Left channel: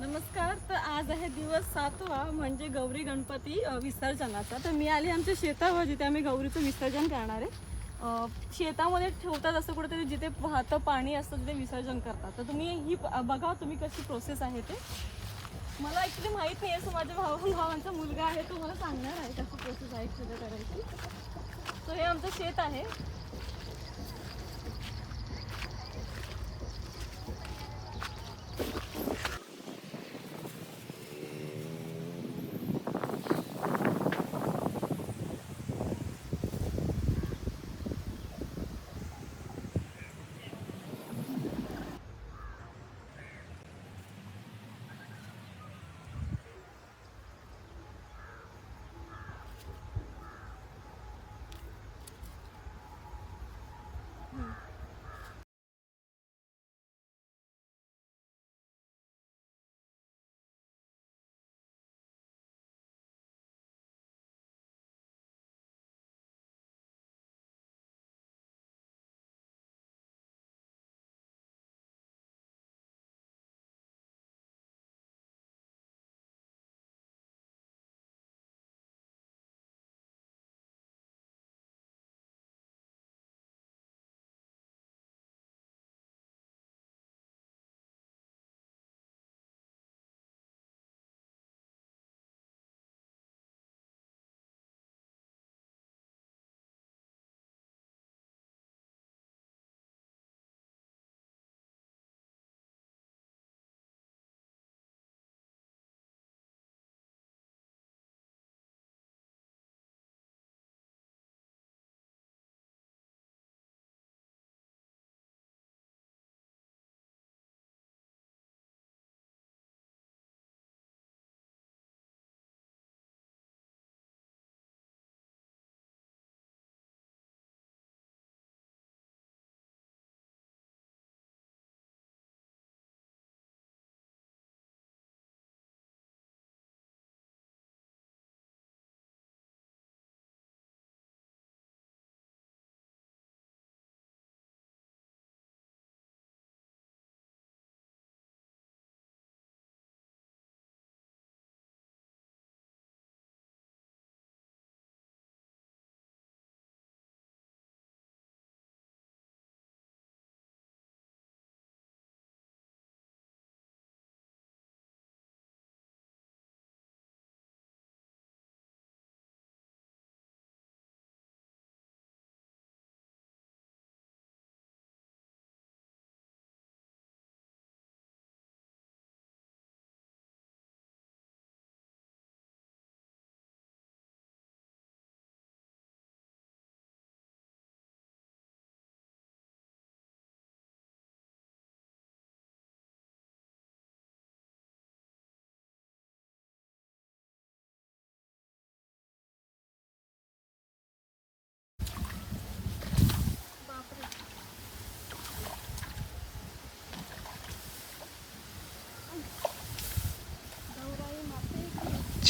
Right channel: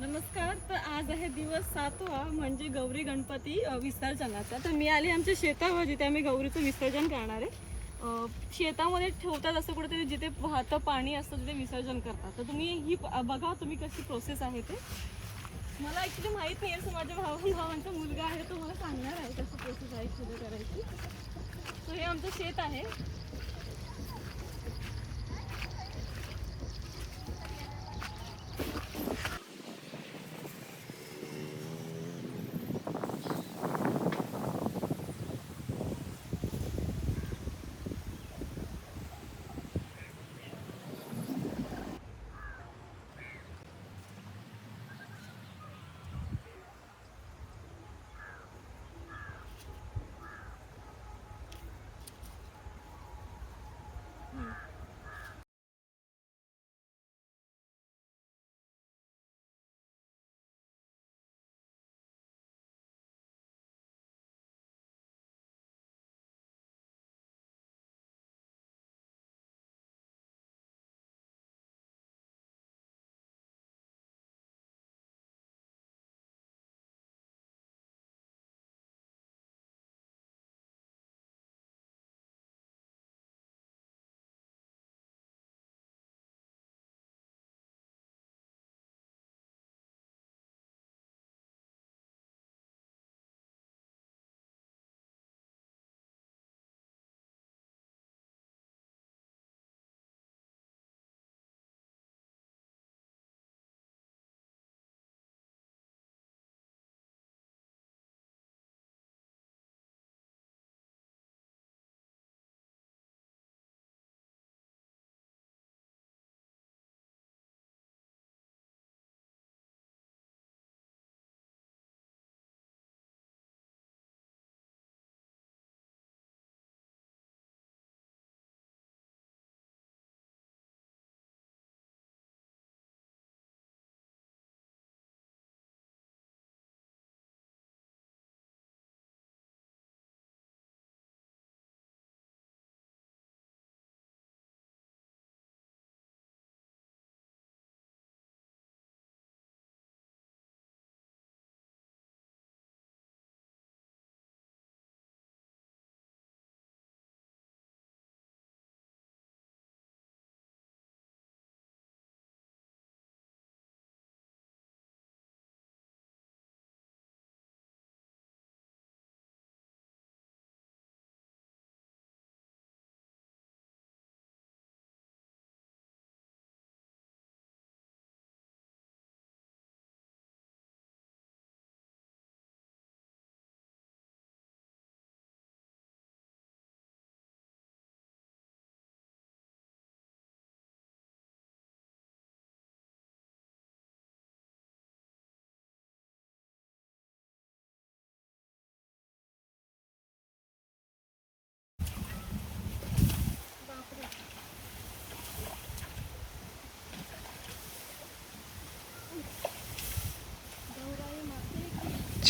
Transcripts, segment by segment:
नमस्कार तर आज आहे दिवस सातवा म्हणजे गौरी गणपती विसर्जनाचा. तर मी आली आमच्या शेतावर जिथे आम्ही गौरीचं विसर्जन करणार आहे. शेतामध्ये ठेवतात असं कुठेतरी जिथे वाहतं पाणी असतं तिथे विसर्जन करतात. तर तुम्ही ही बघा तुम्ही कशी प्रोसेस आहे ते. मला ॲक्च्युली माहीत नाही आहे सो माझ्या भाऊ भावांचा मुलगा आहे तो मला सांगणार आहे कशी प्रोसेस आहे ॲक्च्युली करायची. सो हे आमचं शेत आहे.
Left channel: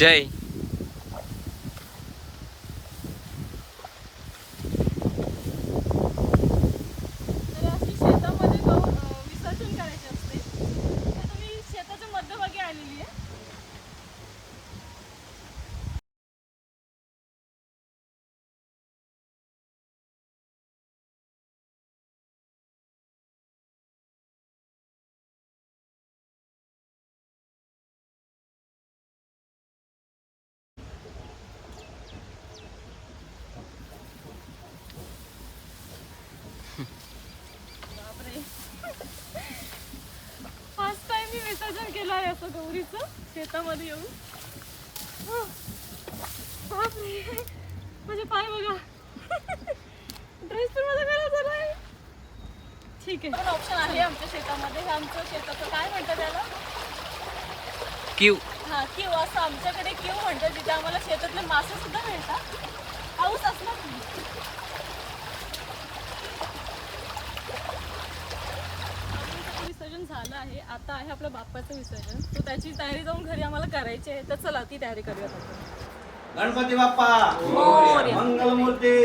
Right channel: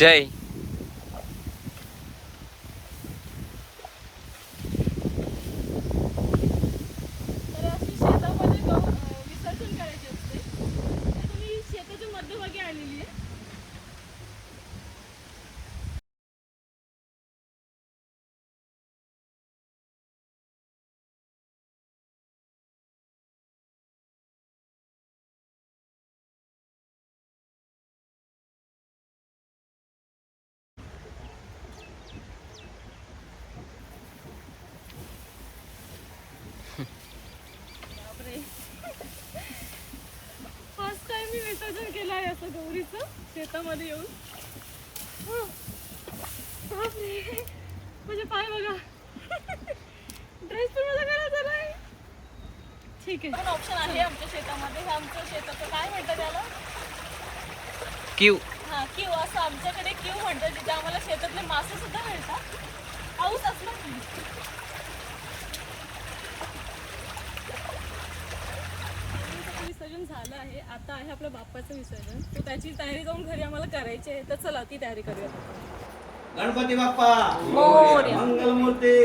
की जय तर अशी शेतामध्ये गौर अं, विसर्जन करायचे असते तर तुम्ही शेताच्या मध्यभागी आलेली आहे बापरे फर्स्ट टाइम मी विसर्जन केलं आहे असं गौरीचं शेतामध्ये येऊन. म्हणजे पाय बघा. ड्रेस पण मला करायचा नाही ठीक आहे. पण ऑप्शन आहे आमच्या शेतामध्ये. आमचं शेताचं काय म्हणतात त्याला? क्यू हा किव असं आमच्याकडे किव म्हणतात जिथे आम्हाला शेतातले मासे सुद्धा मिळतात. पाऊस असला की गणपतीचं विसर्जन झालं आहे. आता आहे आपल्या बाप्पाचं विसर्जन. तो त्याची तयारी जाऊन घरी आम्हाला करायची आहे. तर चला ती तयारी करूयात आपण. गणपती बाप्पा! मोरया. मंगलमूर्ती!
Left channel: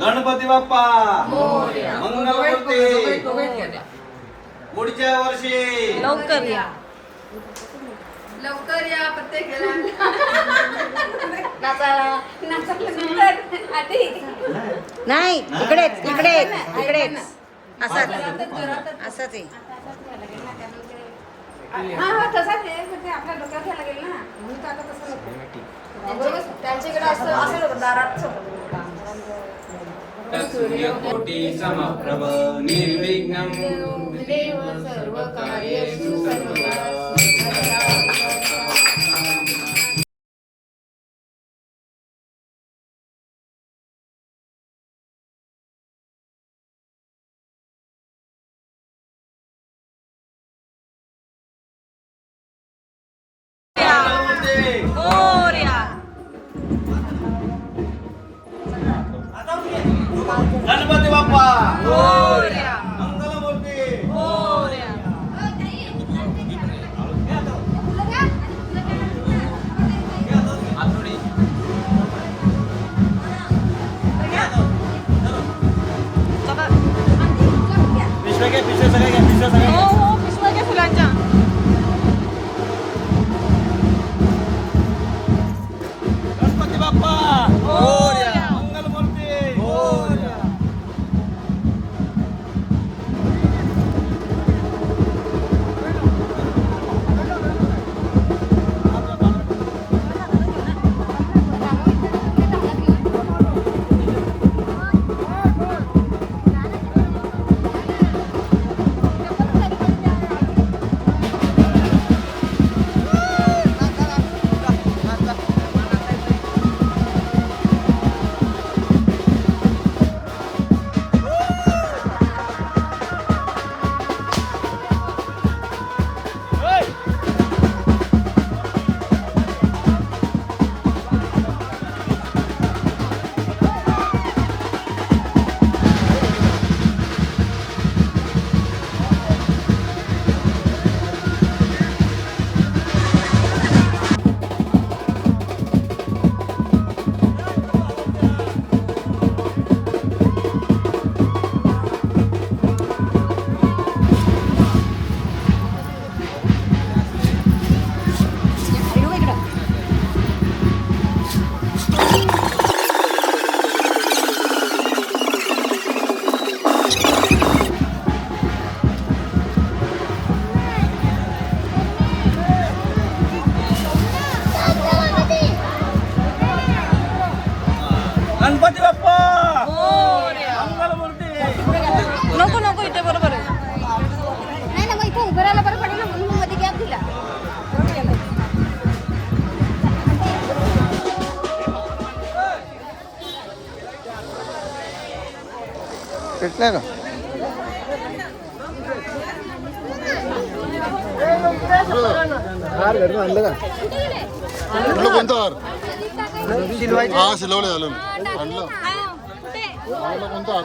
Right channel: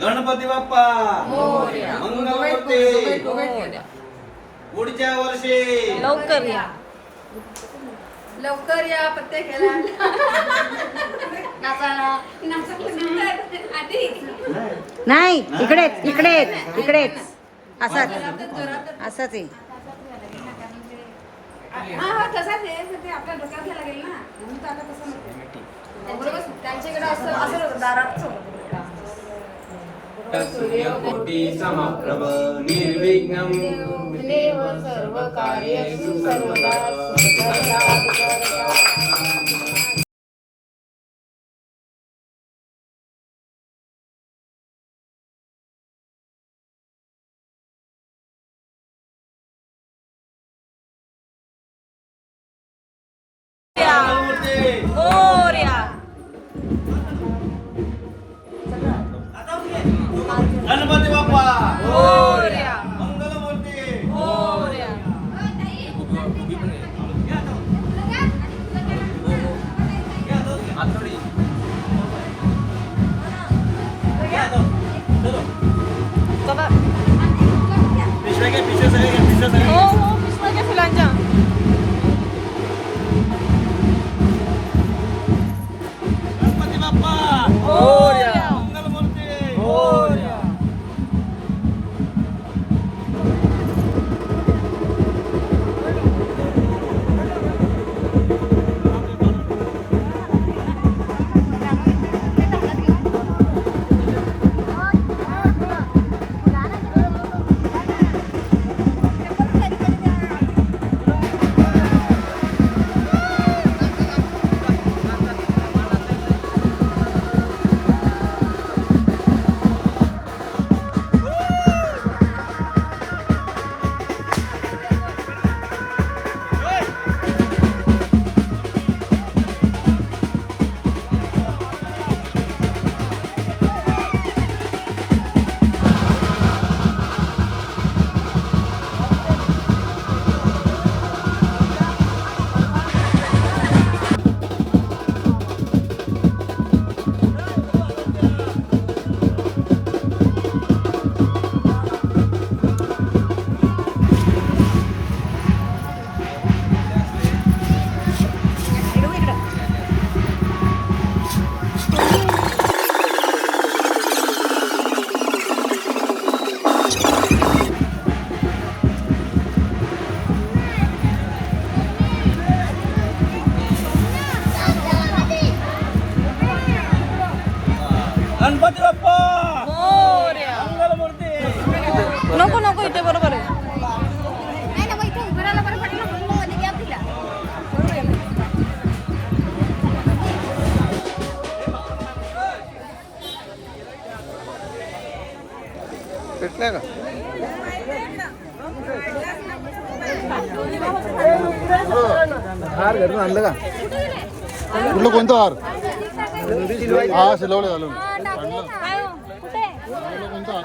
गणपती बाप्पा! मंगलमूर्ती! पुढच्या वर्षी! लवकर या. लवकर या पत्ते नाही इकडेच इकडेच इकडेच असंच असंच येईल हा हा. त्यांच्याकडे- असं असं होतं, दारात समोर. सूर्यकोटी समप्रभ निर्विघ्नं। देव सर्व कार्येषु सर्वदा गणपती बाप्पा. कुठलं कोणतं हार? हा शिलवले झालं आणलं. कोणतं हार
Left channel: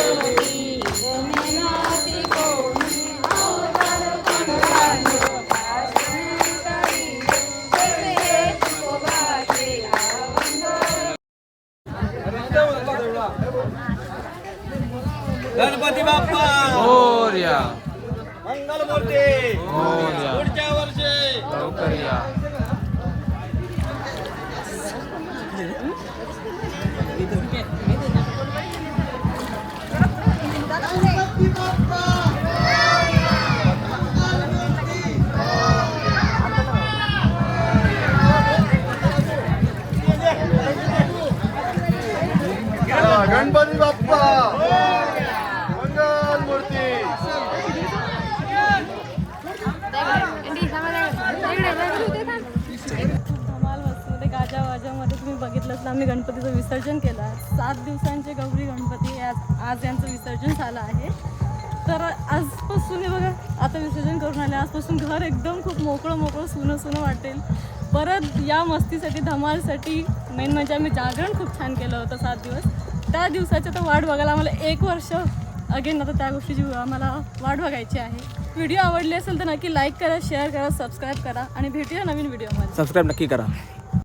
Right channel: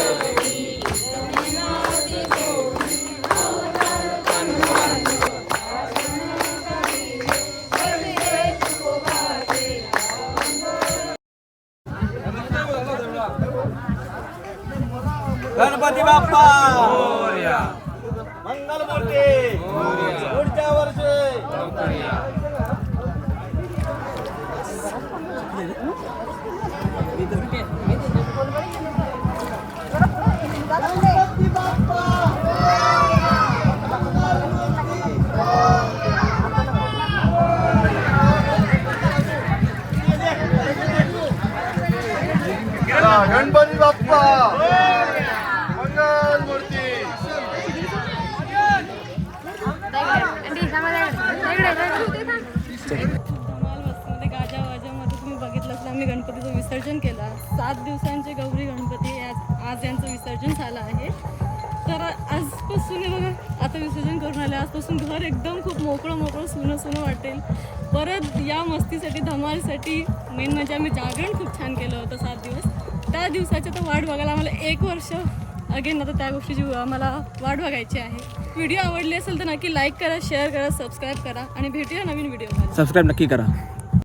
गणपती बाप्पा बघितलं तर आम्ही गणपतीचं विसर्जन केलं. सात दिवसांचे गौरी गणपती आज आज यांचं विसर्जन झालं आहे. तर आजपासून हे बघा आता विसर्जन करून आले. आजपासून घर एकदम खूप मोकळं मोकळं सुनं सुनं वाटेल. परत या मस्तीसाठी धमालसाठी मेन म्हणजे आम्ही जागरण खूप छान केलं होतं सात दिवस. त्या दिवसाच्या तर वाट बघायला आम्हाला एक वर्ष अगेन आता त्या गोष्टीची आम्हाला वाट बघायची आहे. व्हिडिओ आवडली असेल तर नक्की लाईक करा शेअर करा सबस्क्राईब करा आणि भेटूया नवीन व्हिडिओमध्ये सबस्क्राईब नक्की करा.